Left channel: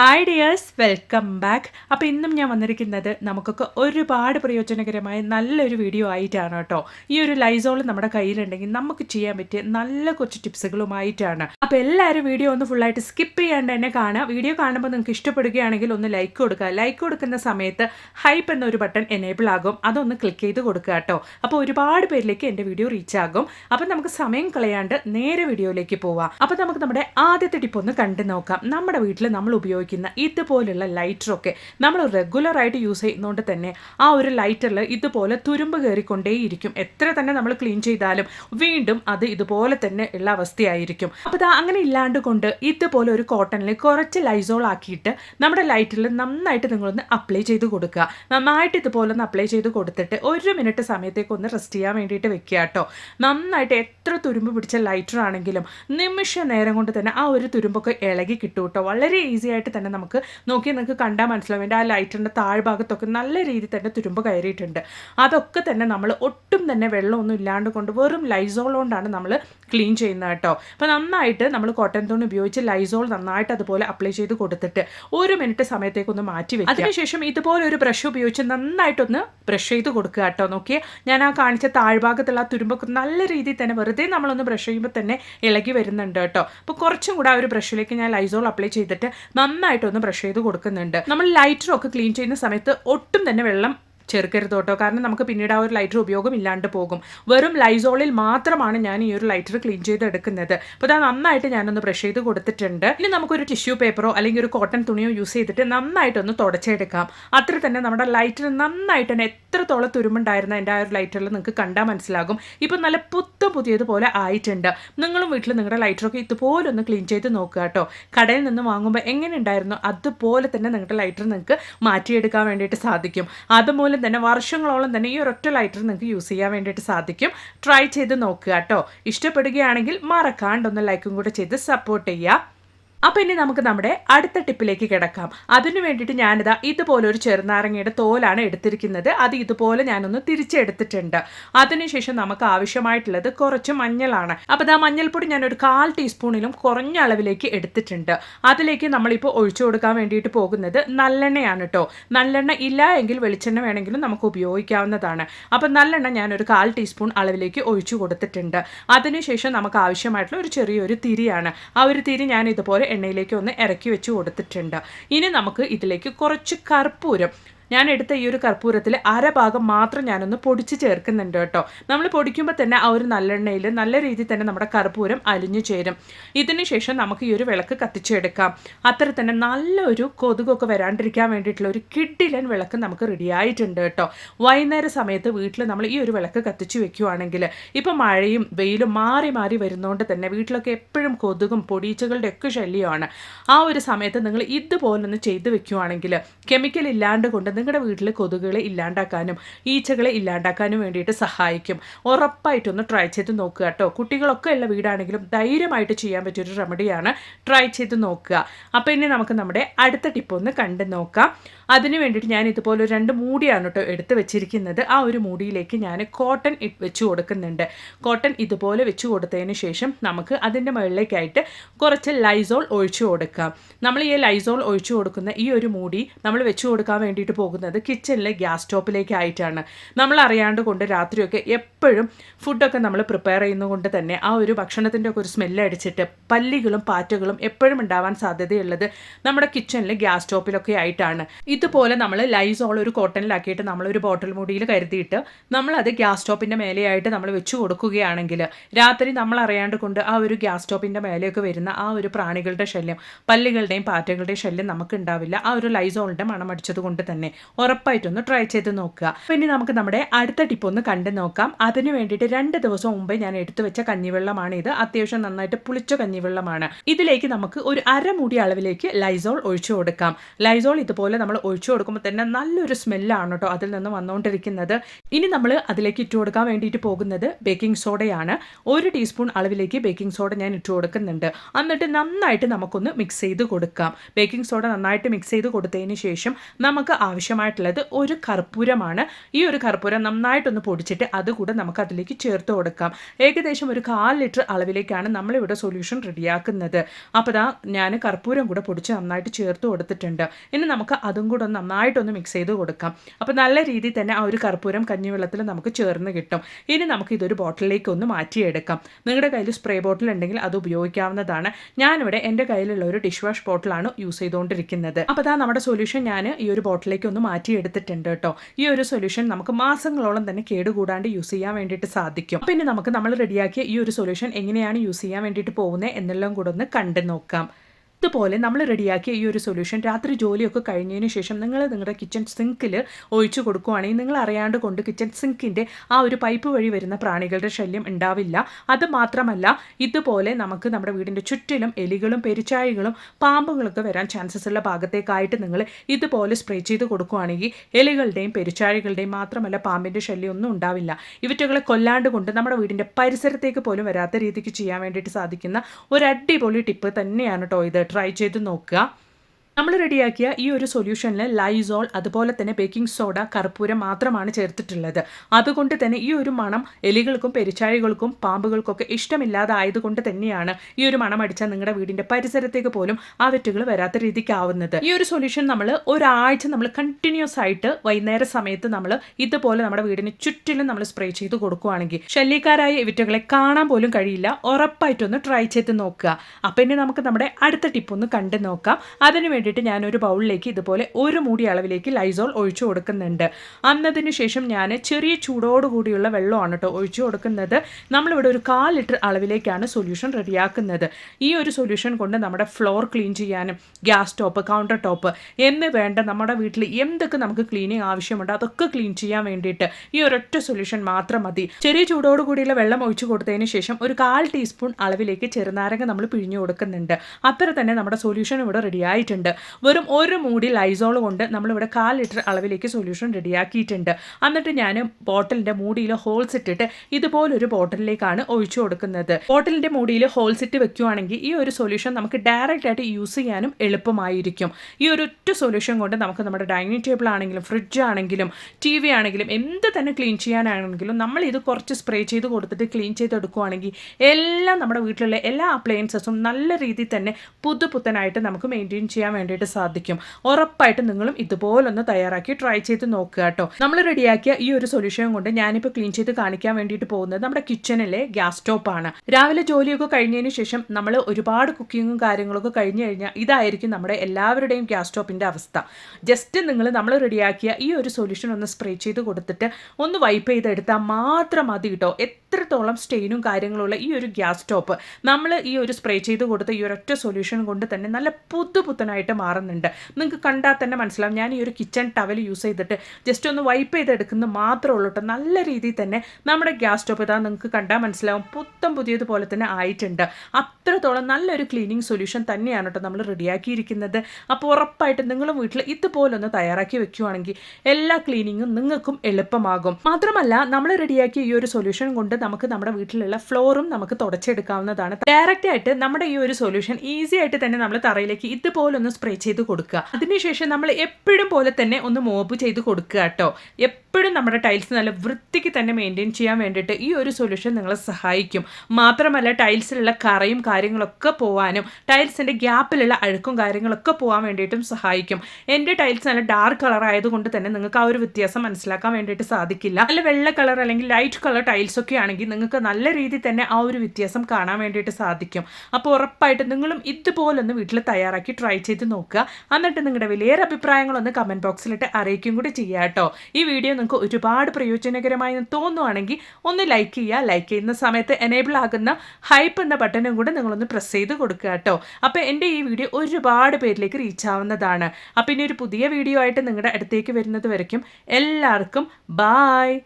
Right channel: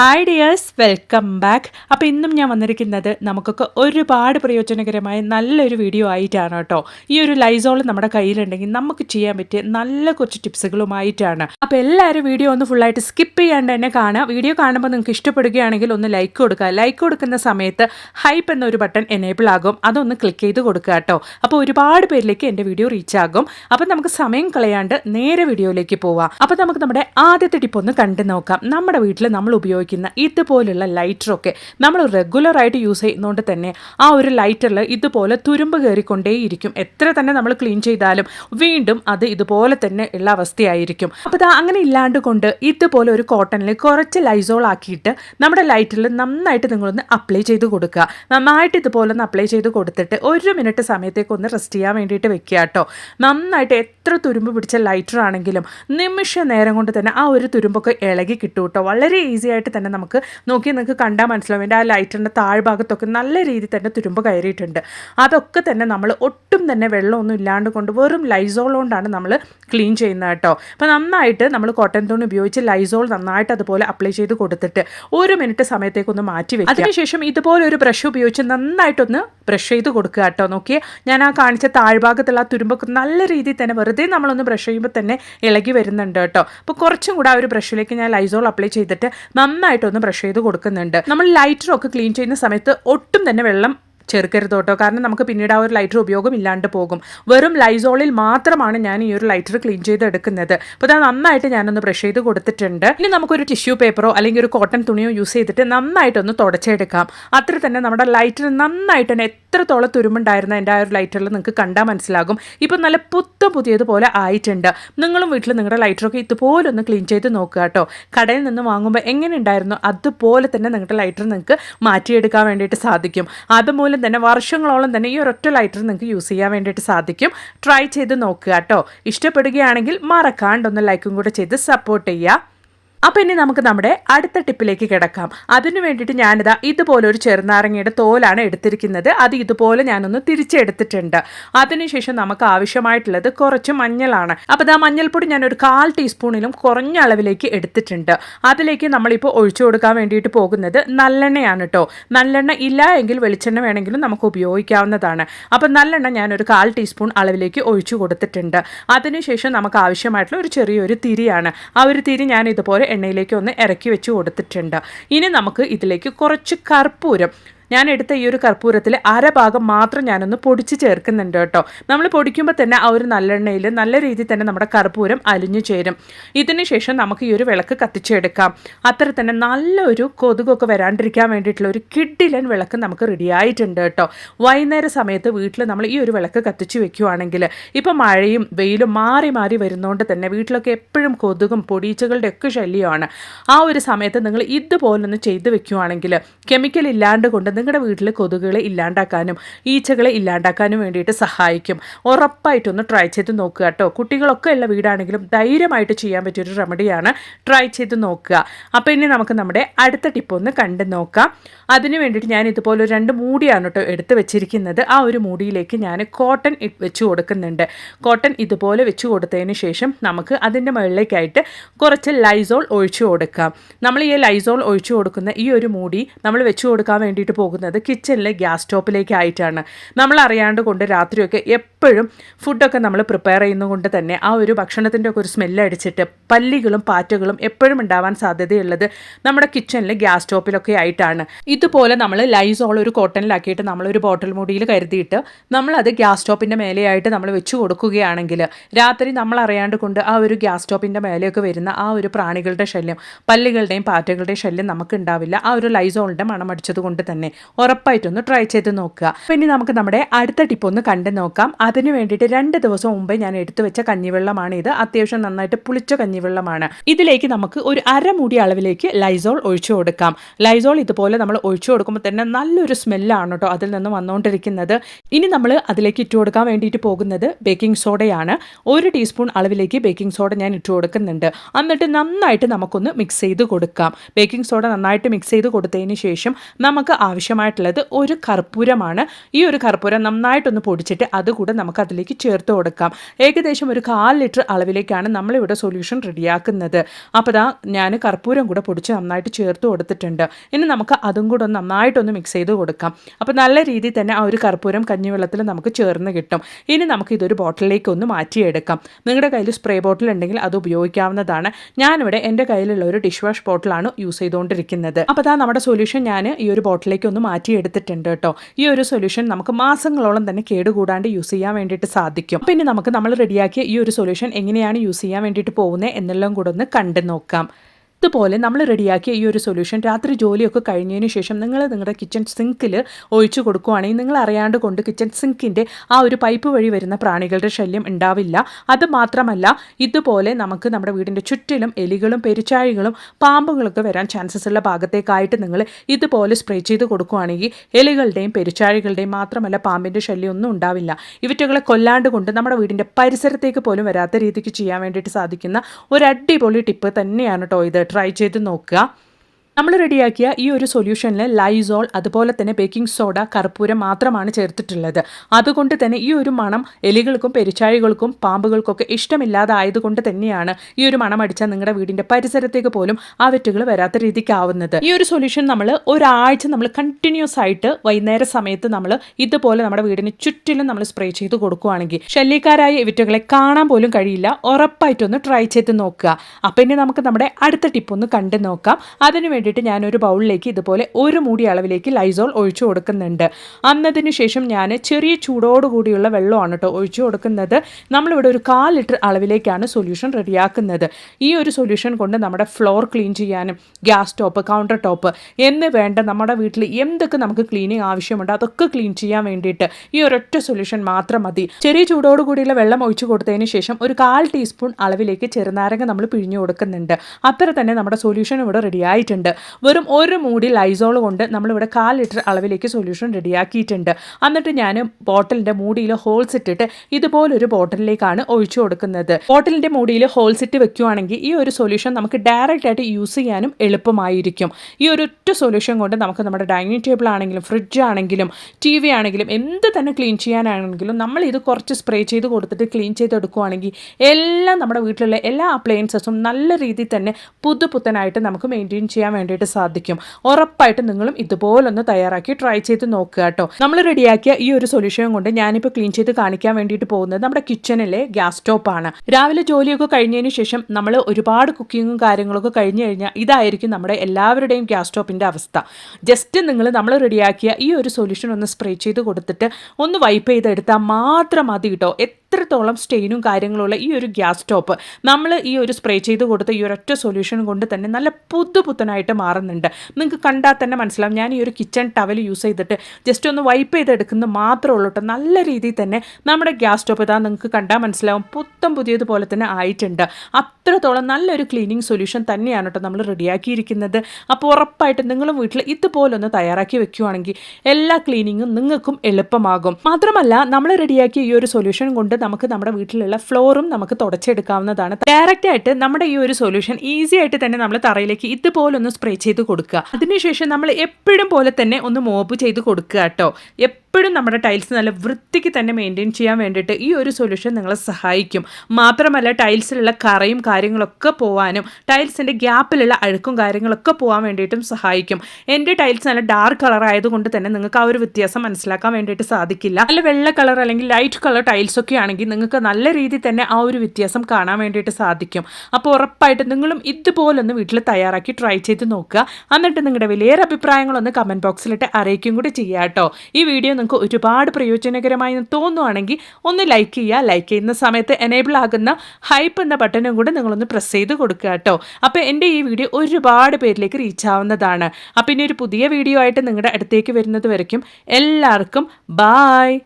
Hi dears welcome back അപ്പോൾ ഇന്നും ഞാൻ വന്നിരിക്കുന്നത് നമുക്കൊക്കെ ഒരുപാട് പ്രയോജനകരമായ നല്ലൊരു വീഡിയോ ആയിട്ടാണ് കേട്ടോ. ഈ ഒരു ലൈസോൾ നമ്മുടെ കയ്യിലുണ്ടെങ്കിൽ നമുക്ക് ചെയ്യാൻ പറ്റിയ നല്ല കുറച്ച് ടിപ്സുകളുമായിട്ടാണ്. അപ്പോൾ എല്ലാവരും വീഡിയോ ഒന്ന് ഫുള്ളായിട്ട് സ്കിപ്പ് ചെയ്യാണ്ട് തന്നെ കാണുക. വീഡിയോ കാണുമ്പോൾ നിങ്ങൾക്ക് ഇഷ്ടപ്പെടുകയാണെങ്കിൽ ഒന്ന് ലൈക്ക് കൊടുക്കുക. ലൈക്ക് കൊടുക്കുന്ന സമയത്ത് ഹൈപ്പ് എന്നൊരു ബട്ടൺ എനേബിൾ ആകും. അതൊന്ന് ക്ലിക്ക് ചെയ്ത് കൊടുക്കുക കേട്ടോ. അപ്പോൾ ഒരുപാട് പേരിലേക്ക് എന്റെ വീഡിയോ റീച്ച് ആകും. അപ്പോൾ നമുക്ക് സമയം കളയാണ്ട് നേരെ വീഡിയോയിലേക്ക് പോവാം. അപ്പോൾ നമുക്ക് നമ്മുടെ ആദ്യത്തെ ടിപ്പ് ഒന്ന് കണ്ടു നോക്കാം. നമ്മുടെ വീട്ടിൽ നമ്മൾ ഉപയോഗിക്കുന്ന ഇതുപോലുള്ള ലൈറ്ററൊക്കെ നമ്മൾ റെഗുലറായിട്ട് യൂസ് ചെയ്യുന്നതുകൊണ്ട് തന്നെ ആ ഒരു ലൈറ്ററിൽ ഇതുപോലെ തുരുമ്പ് കയറിക്കൊണ്ടേയിരിക്കും. എത്ര തന്നെ നമ്മൾ ക്ലീൻ ചെയ്താലും വീണ്ടും അത് ഇതുപോലെ തന്നെ ഉള്ള അവസ്ഥയായിരിക്കും. അപ്പോൾ അത് അങ്ങനെ ഇല്ലാണ്ട് കൊണ്ട് ഇതുപോലെ ഒരു കോട്ടണിൽ കുറച്ച് ലൈസോൾ ആക്കിയിട്ട് നമ്മുടെ ലൈറ്ററിൽ നന്നായിട്ട് നിങ്ങളൊന്ന് അപ്ലൈ ചെയ്ത് കൊടുക്കുക. നന്നായിട്ട് ഇതുപോലെ ഒന്ന് അപ്ലൈ ചെയ്ത് കൊടുത്തിട്ട് ഒരു മിനിറ്റ് സമയത്തേക്ക് ഒന്ന് റെസ്റ്റ് ചെയ്യാൻ വേണ്ടിയിട്ട് വെക്കുക കേട്ടോ. നന്നായിട്ട് എത്ര തുരുമ്പ് പിടിച്ച ലൈറ്റർ ആണെങ്കിലും നിമിഷ നേരം കൊണ്ട് തന്നെ ആ ഒരു തുരുമ്പൊക്കെ ഇളകി കിട്ടും കേട്ടോ. വളരെ ഈസി ആയിട്ട് തന്നെ നമുക്ക് നോക്കി നിങ്ങൾക്ക് കണ്ടാൽ മനസ്സിലാവും. എന്റെ ആ ലൈറ്ററിന്റെ താഴ്ഭാഗത്തൊക്കെ നല്ല രീതിയിൽ തന്നെ തുരുമ്പ് കയറിയിട്ടുണ്ട്. അതൊക്കെ തന്നെ നമ്മൾ ഒട്ടും തന്നെ വെള്ളമൊന്നും ഇല്ലാണ്ട് കൊണ്ട് വെറും ലൈസോൾ കൊണ്ടാണ് നമ്മൾ ക്ലീൻ ചെയ്യുന്നത് കേട്ടോ. അപ്പോൾ നന്നായിട്ട് നമ്മൾ കോട്ടൺ തുണി ഉപയോഗിച്ച് ലൈസോൾ നന്നായിട്ട് അതുപോലെ അപ്ലൈ ചെയ്ത് കൊടുത്തിട്ട് ഒരു മിനിറ്റ് സമയത്തേക്കൊന്ന് മാറ്റി വെക്കുക. അതിനുശേഷം ഇതുപോലെ ഒരു ബ്രഷ് ഉപയോഗിച്ച് നന്നായിട്ടൊന്ന് ബ്രഷ് ചെയ്ത് കൊടുക്കുക കേട്ടോ. നോക്കിയേ ഞാൻ ആ കാണിച്ച താഴ്ഭാഗത്തുള്ള ആ തുരുമ്പൊക്കെ നല്ല രീതിയിൽ തന്നെ വെറുതെ നമ്മളൊന്ന് ബ്രഷ് ചെയ്യുമ്പോൾ തന്നെ ഇളകി വരുന്നുണ്ട് കേട്ടോ. അപ്പോൾ കുറച്ചും കൂടെ ആ ഒരു ബ്രഷിലേക്ക് ഞാൻ ലൈസോൾ അപ്ലൈ ചെയ്തിട്ട് നന്നായിട്ടൊന്ന് ബ്രഷ് ചെയ്ത് കൊടുക്കുന്നുണ്ട്. നമ്മൾ ലൈറ്ററൊക്കെ ക്ലീൻ ചെയ്യുന്ന സമയത്ത് ഒട്ടും തന്നെ വെള്ളം ചേർക്കരുത് കേട്ടോ കാരണം നമുക്ക് പിന്നീട് ആ ഒരു ലൈറ്റർ ഉപയോഗം ഇല്ലാണ്ട് പോകും. വെറും ലൈസോളിൽ മാത്രമാണ് ഞാൻ ഈ ഒരു ലൈറ്റർ ക്ലീൻ ചെയ്ത് എടുക്കുന്നത് അപ്പോൾ അത് നന്നായിട്ട് ഞാനൊന്ന് ബ്രഷ് ചെയ്ത് കൊടുത്തിട്ടുണ്ട്. ഇനി നമുക്കൊരു ടിഷ്യൂ പേപ്പറോ അല്ലെങ്കിൽ ഒരു കോട്ടൺ തുണിയോ യൂസ് ചെയ്തിട്ട് നന്നായിട്ടൊന്ന് തുടച്ചെടുക്കാം. അത്ര തന്നെ നമ്മുടെ ലൈറ്റർ നന്നായിട്ട് തന്നെ എത്രത്തോളം തുരുമ്പുണ്ടായിരുന്ന എന്റെ ആ ഒരു ലൈറ്ററിൽ നിങ്ങൾക്ക് കണ്ടാൽ മനസ്സിലാകും. ഇപ്പം നല്ല പുത്ത പുതിയതുപോലെ ആയിട്ടുണ്ട്. നിങ്ങളും വീട്ടിൽ നിങ്ങളുടെ ലൈറ്ററൊക്കെ ഇതുപോലെ ഒന്ന് ക്ലീൻ ചെയ്ത് നോക്കുക കേട്ടോ. കടയിൽ നിന്ന് വാങ്ങുമ്പോൾ എങ്ങനെ ഉണ്ടായിരുന്നോ? അതുപോലെ തന്നെ നിങ്ങളുടെ ലൈറ്റർ നിങ്ങൾക്ക് മാറ്റിയെടുക്കാൻ വേണ്ടിയിട്ട് സാധിക്കും. അതുമൂലം തന്നെ വർഷങ്ങളോളം തന്നെ ഈ ഒരൊറ്റ ലൈറ്റർ നിങ്ങൾക്ക് യൂസ് ചെയ്യാൻ വേണ്ടിയിട്ട് സാധിക്കും. ട്രൈ ചെയ്ത് നോക്കുക കേട്ടോ ഇഷ്ടപ്പെടുകയാണെങ്കിൽ മറക്കാണ്ടൊന്ന് ലൈക്കും കൂടെ ചെയ്ത് സപ്പോർട്ട് ചെയ്യുക. അപ്പോൾ ഇനി നമുക്ക് നമ്മുടെ അടുത്ത ടിപ്പിലേക്ക് കിടക്കാം. അതിന് വേണ്ടിയിട്ട് ഞാനിതാ ഇതുപോലെ ഒരു ചെറുനാരങ്ങയുടെ തോലാണ് എടുത്തിരിക്കുന്നത്. അത് ഇതുപോലെ ഞാനൊന്ന് തിരിച്ചെടുത്തിട്ടുണ്ട്. അതിനുശേഷം നമുക്ക് ആവശ്യമായിട്ടുള്ളത് കുറച്ച് മഞ്ഞളാണ്. അപ്പോൾ ഇതാ മഞ്ഞൾപ്പൊടി ഞാനൊരു കാൽ ടീസ്പൂണിലും കുറഞ്ഞ അളവിലേക്ക് എടുത്തിട്ടുണ്ട്. അതിലേക്ക് നമ്മളിപ്പോൾ ഒഴിച്ചു കൊടുക്കാൻ വേണ്ടിയിട്ട് പോകുന്നത് നല്ലെണ്ണയാണ് കേട്ടോ നല്ലെണ്ണ ഇല്ല എങ്കിൽ വെളിച്ചെണ്ണ വേണമെങ്കിലും നമുക്ക് ഉപയോഗിക്കാവുന്നതാണ്. അപ്പോൾ നല്ലെണ്ണ ഞാനൊരു കാൽ ടീസ്പൂൺ അളവിലേക്ക് ഒഴിച്ചു കൊടുത്തിട്ടുണ്ട്. അതിനുശേഷം നമുക്ക് ആവശ്യമായിട്ടുള്ള ഒരു ചെറിയൊരു തിരിയാണ്. ആ ഒരു തിരി ഞാൻ ഇതുപോലെ എണ്ണയിലേക്ക് ഒന്ന് ഇറക്കി വെച്ച് കൊടുത്തിട്ടുണ്ട്. ഇനി നമുക്ക് ഇതിലേക്ക് കുറച്ച് കർപ്പൂരം ഞാൻ എടുത്ത ഈ ഒരു കർപ്പൂരത്തിൽ അര ഭാഗം മാത്രം ഞാനൊന്ന് പൊടിച്ച് ചേർക്കുന്നുണ്ട് കേട്ടോ. നമ്മൾ പൊടിക്കുമ്പോൾ തന്നെ ആ ഒരു നല്ലെണ്ണയിൽ നല്ല രീതിയിൽ തന്നെ നമ്മുടെ കർപ്പൂരം അലിഞ്ഞു ചേരും. ഇതിന് ശേഷം നമുക്ക് ഈ ഒരു വിളക്ക് കത്തിച്ചെടുക്കാം. അത്ര തന്നെ നല്ലൊരു കൊതുകൊക്കെ വരാണ്ടിരിക്കാൻ വേണ്ടിയിട്ടുള്ള ഒരു കിഡിലൻ വിളക്ക് നമുക്ക് റെഡി ആയിട്ടുണ്ട് കേട്ടോ. വൈകുന്നേര സമയത്ത് വീട്ടിൽ നമ്മൾ ഈ ഒരു വിളക്ക് കത്തിച്ച് വെക്കുവാണെങ്കിൽ ഇപ്പോൾ മഴയും വെയിലും മാറി മാറി വരുന്നതുകൊണ്ട് തന്നെ വീട്ടിലൊക്കെ എപ്പോഴും കൊതുകും പൊടീച്ചകളുടെ ഒക്കെ ശല്യമാണ്. ആ ഒരു സമയത്ത് നിങ്ങൾ ഇതുപോലൊന്ന് ചെയ്ത് വെക്കുവാണെങ്കിൽ കെമിക്കൽ ഇല്ലാണ്ട് കൊണ്ട് നിങ്ങളുടെ വീട്ടിൽ കൊതുകുകളെ ഇല്ലാണ്ടാക്കാനും ഈച്ചകളെ ഇല്ലാണ്ടാക്കാനും വേണ്ടിയിട്ട് സഹായിക്കും. ഉറപ്പായിട്ടൊന്ന് ട്രൈ ചെയ്ത് നോക്കുക കേട്ടോ. കുട്ടികളൊക്കെ ഉള്ള വീടാണെങ്കിലും ധൈര്യമായിട്ട് ചെയ്യാൻ പറ്റിയൊരു റെമഡിയാണ് ട്രൈ ചെയ്ത് നോക്കുക. അപ്പോൾ ഇനി നമുക്ക് നമ്മുടെ അടുത്ത ടിപ്പ് ഒന്ന് കണ്ടു നോക്കാം. അതിന് വേണ്ടിയിട്ട് ഞാൻ ഇതുപോലെ രണ്ട് മൂടിയാണ് കേട്ടോ എടുത്ത് വെച്ചിരിക്കുന്നത്. ആ ഒരു മൂടിയിലേക്ക് ഞാൻ കോട്ടൺ വെച്ച് കൊടുക്കുന്നുണ്ട്. കോട്ടൺ ഇതുപോലെ വെച്ച് കൊടുത്തതിന് ശേഷം നമുക്ക് അതിന്റെ മുകളിലേക്കായിട്ട് കുറച്ച് ലൈസോൾ ഒഴിച്ചു കൊടുക്കാം. നമ്മൾ ഈ ലൈസോൾ ഒഴിച്ചു കൊടുക്കുന്ന ഈ ഒരു മൂടി നമ്മൾ വെച്ച് കൊടുക്കാൻ വേണ്ടിയിട്ട് പോകുന്നത് കിച്ചണിലെ ഗ്യാസ് സ്റ്റോപ്പിലേക്കായിട്ടാണ്. നമ്മൾ അറിയാണ്ട് കൊണ്ട് രാത്രിയൊക്കെ എപ്പോഴും ഫുഡൊക്കെ നമ്മൾ പ്രിപ്പയർ ചെയ്യുന്നതുകൊണ്ട് തന്നെ ആ ഒരു ഭക്ഷണത്തിന്റെ ഒക്കെ ഒരു സ്മെല്ല് അടിച്ചിട്ട് പല്ലികളും പാറ്റകളും എപ്പോഴും ഉണ്ടാവാൻ സാധ്യതയുള്ളത് നമ്മുടെ കിച്ചണിലെ ഗ്യാസ് സ്റ്റോപ്പിലൊക്കെ ആയിട്ടാണ്. ഇതുപോലെ നമ്മൾ ലൈസോൾ ഒരു കോട്ടണിലാക്കിയിട്ട് നമ്മളൊരു ബോട്ടിൽ മുടിയിൽ കരുതിയിട്ട് നമ്മളത് ഗ്യാസ് സ്റ്റോപ്പിന്റെ മേലെയായിട്ട് നമ്മൾ വെച്ച് കൊടുക്കുകയാണെങ്കിൽ രാത്രി നമ്മൾ അറിയാണ്ട് കൊണ്ട് ആ ഒരു ഗ്യാസ് സ്റ്റോപ്പിന്റെ മേലെയൊക്കെ വരുന്ന ആ ഒരു പ്രാണികളുടെ ശല്യം പല്ലികളുടെയും പാറ്റകളുടെയും ശല്യം നമുക്ക് ഉണ്ടാവില്ല ആ ഒരു ലൈസോളിന്റെ മണമടിച്ചത് കൊണ്ട് തന്നെ. ഉറപ്പായിട്ടൊന്ന് ട്രൈ ചെയ്ത് നോക്കുക. പിന്നെ നമുക്ക് നമ്മുടെ അടുത്ത ടിപ്പ് ഒന്ന് കണ്ടു നോക്കാം. അതിന് വേണ്ടിയിട്ട് രണ്ട് ദിവസം മുമ്പേ ഞാൻ എടുത്തു വെച്ച കഞ്ഞിവെള്ളമാണ് ഇത്. അത്യാവശ്യം നന്നായിട്ട് പുളിച്ച കഞ്ഞിവെള്ളമാണ്. ഇതിലേക്ക് നമുക്ക് ഒരു അരമുടി അളവിലേക്ക് ലൈസോൾ ഒഴിച്ചു കൊടുക്കാം. ലൈസോൾ ഇതുപോലെ നമ്മൾ ഒഴിച്ചു കൊടുക്കുമ്പോൾ തന്നെ നല്ലൊരു സ്മെല്ലാണ് കേട്ടോ അതിൽ നിന്ന് വന്നുകൊണ്ടിരിക്കുന്നത് ഇനി നമ്മൾ അതിലേക്ക് ഇട്ട് കൊടുക്കാൻ വേണ്ടിയിട്ട് പോകുന്നത് ബേക്കിംഗ് സോഡയാണ് ഒരു ടീസ്പൂൺ അളവിലേക്ക് ബേക്കിംഗ് സോഡ ഞാൻ ഇട്ട് കൊടുക്കുന്നുണ്ട്. എന്നിട്ട് നന്നായിട്ട് നമുക്കൊന്ന് മിക്സ് ചെയ്ത് കൊടുക്കാം. ബേക്കിംഗ് സോഡ നന്നായിട്ട് മിക്സ് ചെയ്ത് കൊടുത്തതിന് ശേഷം നമുക്ക് ആവശ്യം ആവശ്യമായിട്ടുള്ളത് ഒരു കർപ്പൂരമാണ്. ഈ ഒരു കർപ്പൂരം നന്നായിട്ടൊന്ന് പൊടിച്ചിട്ട് അതുകൂടെ നമുക്ക് അതിലേക്ക് ചേർത്ത് കൊടുക്കാം. ഏകദേശം ഒരു കാൽ ലിറ്റർ അളവിലേക്കാണ് നമ്മളിവിടെ സൊല്യൂഷൻ റെഡിയാക്കുന്നത്. അപ്പോൾ ദാ ഞാൻ കർപ്പൂരം കൂടെ പൊടിച്ച് നന്നായിട്ട് ചേർത്ത് കൊടുത്തിട്ടുണ്ട്. ഇനി നമുക്ക് അതും കൂടെ ഒന്ന് നന്നായിട്ടൊന്ന് മിക്സ് ചെയ്ത് കൊടുക്കാം. അപ്പോൾ നല്ല രീതിയിൽ തന്നെ ആ ഒരു കർപ്പൂരം കഞ്ഞിവെള്ളത്തിൽ നമുക്ക് ചേർന്ന് കിട്ടും. ഇനി നമുക്ക് ഇതൊരു ബോട്ടിലേക്ക് ഒന്ന് മാറ്റിയെടുക്കാം. നിങ്ങളുടെ കയ്യിൽ സ്പ്രേ ബോട്ടിൽ ഉണ്ടെങ്കിൽ അത് ഉപയോഗിക്കാവുന്നതാണ്. ഞാനിവിടെ എന്റെ കയ്യിലുള്ള ഒരു ഡിഷ് വാഷ് ബോട്ടിലാണ് യൂസ് ചെയ്തുകൊണ്ടിരിക്കുന്നത്. അപ്പോൾ അതാ നമ്മുടെ സൊല്യൂഷൻ ഞാൻ ഈ ഒരു ബോട്ടിലേക്ക് ഒന്ന് മാറ്റിയെടുത്തിട്ടുണ്ട് കേട്ടോ. ഈ ഒരു സൊല്യൂഷൻ നമുക്ക് മാസങ്ങളോളം തന്നെ കേടുകൂടാണ്ട് യൂസ് ചെയ്യാൻ വേണ്ടിയിട്ട് സാധിക്കും. പിന്നെ നമുക്ക് നമ്മൾ റെഡിയാക്കിയ ഈ ഒരു സൊല്യൂഷൻ എങ്ങനെയാണ് യൂസ് ചെയ്യാൻ വേണ്ടിയിട്ട് പോകുന്നത് എന്നെല്ലാം കൂടെ ഒന്ന് കണ്ടു നോക്കാം. ഇതുപോലെ നമ്മൾ റെഡിയാക്കിയ ഈ ഒരു സൊല്യൂഷൻ രാത്രി ജോലിയൊക്കെ കഴിഞ്ഞതിന് ശേഷം നിങ്ങൾ നിങ്ങളുടെ കിച്ചൺ സിങ്കിൽ ഒഴിച്ചു കൊടുക്കുകയാണെങ്കിൽ നിങ്ങൾ അറിയാണ്ട് കൊണ്ട് കിച്ചൺ സിങ്കിന്റെ ആ ഒരു പൈപ്പ് വഴി വരുന്ന പ്രാണികളുടെ ശല്യം ഉണ്ടാവില്ല. അത് മാത്രമല്ല ഇതുപോലെ നമുക്ക് നമ്മുടെ വീടിന്റെ ചുറ്റിലും എലികളും പെരിച്ചാഴികളും പാമ്പുകളൊക്കെ വരാൻ ചാൻസസ് ഉള്ള ഭാഗത്തേക്കായിട്ട് നിങ്ങൾ ഇതുപോലെ സ്പ്രേ ചെയ്ത് കൊടുക്കുകയാണെങ്കിൽ എലികളുടെയും പെരിച്ചാഴികളുടെയും മാത്രമല്ല പാമ്പിന്റെ ശല്യം ഒന്നും ഉണ്ടാവില്ല. ഇവറ്റകളെ കൊല്ലാണ്ട് കൊണ്ട് നമ്മുടെ വീടിന്റെ പരിസരത്തേക്ക് പോലും വരാത്ത രീതിക്ക് ചെയ്യാൻ വേണ്ടിയിട്ട് സാധിക്കുന്ന ഒരു അടിപൊളി ടിപ്പ് തന്നെയാണ് കേട്ടോ ഇത് ട്രൈ ചെയ്ത് നോക്കുക. നമ്മൾ റെഡിയാക്കിയ ഈ ഒരു സൊല്യൂഷനിൽ ലൈസോൾ അതുപോലെ തന്നെ ബേക്കിംഗ് സോഡ കർപ്പൂരം മാത്രമാണ് ചേർത്തിട്ടുള്ളത്. അതുകൊണ്ട് തന്നെ ഈ ഒരു മണം എലികൾക്കും പെരിച്ചാഴികൾക്കും പാമ്പുകൾക്കൊക്കെ ഇഷ്ടമില്ലാതായതുകൊണ്ട് തന്നെയാണ് ഈ ഒരു മണം അടിച്ചാൽ നിങ്ങളുടെ വീടിന്റെ പരിസരത്തേക്ക് പോലും ആ വെറ്റുകൾ വരാത്ത രീതിക്കാവുന്നത് ഈ ഒരു സൊല്യൂഷൻ നമ്മൾ ഒരാഴ്ച നമ്മൾ കണ്ടിന്യൂസ് ആയിട്ട് വൈകുന്നേര സമയത്ത് നമ്മൾ ഇതുപോലെ നമ്മുടെ വീടിന് ചുറ്റിലും നമ്മൾ സ്പ്രേ ചെയ്ത് കൊടുക്കുകയാണെങ്കിൽ ശല്യക്കാരായ വിറ്റുകളെ കാണാൻ പോലും കഴിയില്ല. ഉറപ്പായിട്ടൊന്ന് ട്രൈ ചെയ്ത് നോക്കുക. അപ്പം ഇനി നമുക്ക് നമ്മുടെ അടുത്ത ടിപ്പ് ഒന്ന് കണ്ടു നോക്കാം. അതിന് വേണ്ടിയിട്ട് ഞാനൊരു ബൗളിലേക്ക് ഇതുപോലെ ഒരു മൂടി അളവിലേക്ക് ലൈസോൾ ഒഴിച്ചു കൊടുക്കുന്നുണ്ട്. അന്നതിന് ശേഷം ഞാൻ ചെറിയ ചൂടോടുകൂടിയുള്ള വെള്ളമാണ് കേട്ടോ ഒഴിച്ചു കൊടുക്കുന്നത്. നമ്മളിവിടെ ഒരു കാൽ ലിറ്റർ അളവിലേക്കാണ് സൊല്യൂഷൻ റെഡിയാക്കുന്നത് ഈ ഒരു സൊല്യൂഷൻ കൊണ്ട് നമ്മുടെ ഫ്ലോർ ക്ലീൻ ചെയ്യാനും ഗ്യാസ് ടോപ്പ് കൗണ്ടർ ടോപ്പ് എന്ന് വേണ്ട നമ്മുടെ വീട്ടിൽ എന്തൊക്കെ നമുക്ക് ക്ലീനിങ് ആവശ്യമുണ്ട് അതൊക്കെ ക്ലീൻ ചെയ്യാൻ വേണ്ടിയിട്ട് ഈ ഒരൊറ്റ സൊല്യൂഷൻ മാത്രം മതി. ചെറിയ ചൂടോടുകൂടിയുള്ള വെള്ളം ഒഴിച്ചു കൊടുത്തതിന് ശേഷം ഒരു കാൽ ടീസ്പൂൺ അളവിലേക്ക് ചെറുനാരങ്ങ നമ്മൾ പിഴിഞ്ഞു കൊടുക്കുന്നുണ്ട്. അത്ര തന്നെ നമ്മുടെ സൊല്യൂഷൻ ഇവിടെ റെഡി ആയിട്ടുണ്ട് വെറും ഒരു മൂടി ലൈസോൾ കൊണ്ട് നമ്മളിവിടെ കാൽ ലിറ്റർ അളവിലേക്ക് സൊല്യൂഷൻ റെഡിയാക്കിയിട്ടുണ്ട് എന്നിട്ട് ഞാൻ ബോട്ടിലിന്റെ മൂടിയിൽ ഹോൾസ് ഇട്ടിട്ട് ഇതുപോലൊരു ബോട്ടിലിലേക്കാണ് ഒഴിച്ചു കൊടുക്കുന്നത്. ബോട്ടിലിന്റെ മൂടിയിൽ ഹോൾസ് ഇട്ട് വെക്കുകയാണെങ്കിൽ ഈ ഒരു സൊല്യൂഷൻ നമുക്ക് ഡയറക്റ്റ് ആയിട്ട് യൂസ് ചെയ്യാനും എളുപ്പമായിരിക്കും. ഈ ഒരു ഒറ്റ സൊല്യൂഷൻ കൊണ്ട് നമുക്ക് നമ്മുടെ ഡൈനിങ് ടേബിൾ ആണെങ്കിലും ഫ്രിഡ്ജ് ആണെങ്കിലും ടി വി ആണെങ്കിലും എന്ത് തന്നെ ക്ലീൻ ചെയ്യാനാണെങ്കിലും നമ്മൾ ഇത് കുറച്ച് സ്പ്രേ ചെയ്ത് കൊടുത്തിട്ട് ക്ലീൻ ചെയ്തെടുക്കുകയാണെങ്കിൽ എല്ലാം നമ്മുടെ വീട്ടിലുള്ള എല്ലാ അപ്ലയൻസസും നല്ല രീതിയിൽ തന്നെ പുതുപുത്തനായിട്ട് നമുക്ക് മെയിന്റെയിൻ ചെയ്യാൻ വേണ്ടിയിട്ട് സാധിക്കും. ഉറപ്പായിട്ടും നിങ്ങളും ഇതുപോലൊന്ന് തയ്യാറാക്കി ട്രൈ ചെയ്ത് നോക്കുക കേട്ടോ. നമ്മൾ റെഡിയാക്കിയ ഈ ഒരു സൊല്യൂഷൻ കൊണ്ട് ഞാനിപ്പോൾ ക്ലീൻ ചെയ്ത് കാണിക്കാൻ വേണ്ടിയിട്ട് പോകുന്നത് നമ്മുടെ കിച്ചണിലെ ഗ്യാസ് സ്റ്റോപ്പ് ആണ്. രാവിലെ ജോലിയൊക്കെ കഴിഞ്ഞതിന് ശേഷം നമ്മൾ ഒരുപാട് കുക്കിങ്ങും കാര്യങ്ങളൊക്കെ കഴിഞ്ഞു കഴിഞ്ഞാൽ ഇതായിരിക്കും നമ്മുടെ എല്ലാവരുടെയും ഗ്യാസ് സ്റ്റോപ്പിന്റെ അവസ്ഥ. ജസ്റ്റ് നിങ്ങൾ നമ്മൾ റെഡിയാക്കിയ ഈ ഒരു സൊല്യൂഷൻ ഒന്ന് സ്പ്രേ ചെയ്ത് കൊടുത്തിട്ട് ഒന്ന് വൈപ്പ് ചെയ്തെടുത്താൽ മാത്രം മതി കേട്ടോ. എത്രത്തോളം സ്റ്റെയിനും കാര്യങ്ങളുള്ള ഈ ഒരു ഗ്യാസ് സ്റ്റോപ്പ് നമ്മൾ ഈ ഒരു സ്പ്രേ ചെയ്ത് കൊടുത്ത ഈ ഒരൊറ്റ സൊല്യൂഷൻ കൊണ്ട് തന്നെ നല്ല പുതുപുത്തനായിട്ട് മാറുന്നുണ്ട്. നിങ്ങൾക്ക് കണ്ടാൽ തന്നെ മനസ്സിലാവും. ഞാൻ ഈ ഒരു കിച്ചൺ ടവൽ യൂസ് ചെയ്തിട്ട് ജസ്റ്റ് ഒന്ന് വൈപ്പ് ചെയ്തെടുക്കുന്നത് മാത്രമേ ഉള്ളൂ കേട്ടോ നല്ല രീതിയിൽ തന്നെ നമ്മുടെ ഗ്യാസ് സ്റ്റോപ്പ് ഇതാ നിങ്ങൾക്ക് കണ്ടാൽ മനസ്സിലാവും. പുത്തം പുതിയതുപോലെ തന്നെ ആയിട്ടുണ്ട്. അത്രത്തോളം നല്ലൊരു ക്ലീനിങ് സൊല്യൂഷൻ തന്നെയാണ് കേട്ടോ നമ്മൾ റെഡിയാക്കിയിരിക്കുന്നത്. അപ്പോൾ ഉറപ്പായിട്ട് നിങ്ങളും വീട്ടിൽ ഇതുപോലൊന്ന് തയ്യാറാക്കി വെക്കുകയാണെങ്കിൽ എല്ലാ ക്ലീനിങ്ങും നിങ്ങൾക്കും എളുപ്പമാകും. മാത്രമല്ല നമ്മൾ റെഡിയാക്കിയ ഈ ഒരു സൊല്യൂഷൻ കൊണ്ട് നമുക്ക് നമ്മുടെ വീട്ടിലുള്ള ഫ്ലോറും നമുക്ക് തുടച്ചെടുക്കാവുന്നതാണ്. ഡയറക്റ്റ് ആയിട്ട് നമ്മുടെ ഈ ഒരു സൊല്യൂഷൻ ഈസി ആയിട്ട് തന്നെ നമ്മൾ തറയിലേക്ക് ഇതുപോലൊന്ന് സ്പ്രേ ചെയ്ത് കൊടുക്കുക. അതിനുശേഷം നമ്മൾ എപ്പോഴും പോലെ തന്നെ ഒന്ന് മോപ്പ് ചെയ്ത് കൊടുക്കുക കേട്ടോ. എപ്പോഴും നമ്മുടെ ടൈൽസ് നല്ല വൃത്തിക്ക് തന്നെ മെയിന്റെയിൻ ചെയ്യാൻ വേണ്ടിയിട്ട് ഈ ഒരു സൊല്യൂഷൻ നിങ്ങളെ സഹായിക്കും. മാത്രമല്ല ടൈൽസിലുള്ള കറയും കാര്യങ്ങളൊക്കെ പോകാനും ടൈൽസിന്റെ ഗ്യാപ്പിലുള്ള അഴുക്കും കാര്യങ്ങളൊക്കെ പോകാൻ വേണ്ടിയിട്ടും സഹായിക്കും. എന്റെ ടൈൽസ് നല്ല ഡാർക്ക് കളർ ആയതുകൊണ്ട് തന്നെ നിങ്ങൾക്ക് ആ ഒരു വ്യത്യാസം മനസ്സിലാക്കാൻ വേണ്ടിയിട്ട് സാധിക്കില്ല. നല്ല വെള്ള കളർ അല്ലെങ്കിൽ ലൈറ്റ് കളർ ടൈൽസ് ഒക്കെ ആണെങ്കിൽ നിങ്ങൾക്ക് നല്ല രീതിയിൽ തന്നെ ആ ഒരു വ്യത്യാസം കാണാൻ വേണ്ടിയിട്ട് സാധിക്കും. അപ്പോൾ ഉറപ്പായിട്ട് നിങ്ങളും ഇതുപോലൊന്ന് വീട്ടിൽ തയ്യാറാക്കി ട്രൈ ചെയ്ത് നോക്കുക. എന്നിട്ട് നിങ്ങളുടെ വിലയേറെ അഭിപ്രായങ്ങളൊന്ന് കമന്റ് ബോക്സിലിട്ട് അറിയിക്കും കൂടി ചെയ്യുക കേട്ടോ. ഈ വീഡിയോ നിങ്ങൾക്ക് ഒരുപാട് പ്രയോജനകരമായി തോന്നുവാണെങ്കിൽ ഒന്ന് ലൈക്ക് ചെയ്യുക. ലൈക്ക് ചെയ്യുന്ന സമയത്ത് എനേബിൾ ആകുന്ന ഹൈപ്പ് എന്ന ബട്ടനും കൂടെ നിങ്ങളൊന്ന് പ്രസ് ചെയ്ത് കൊടുക്കുക കേട്ടോ. അപ്പോൾ എന്റെ ഈ വീഡിയോ ഒരുപാട് പേരിലേക്ക് റീച്ച് ആവുന്നതാണ്. അപ്പോൾ ഇനി ഒരു പുതിയ വീഡിയോ ആയിട്ട് നിങ്ങളുടെ അടുത്തേക്ക് വരുന്നത് വരയ്ക്കും. എല്ലാവർക്കും ബായ്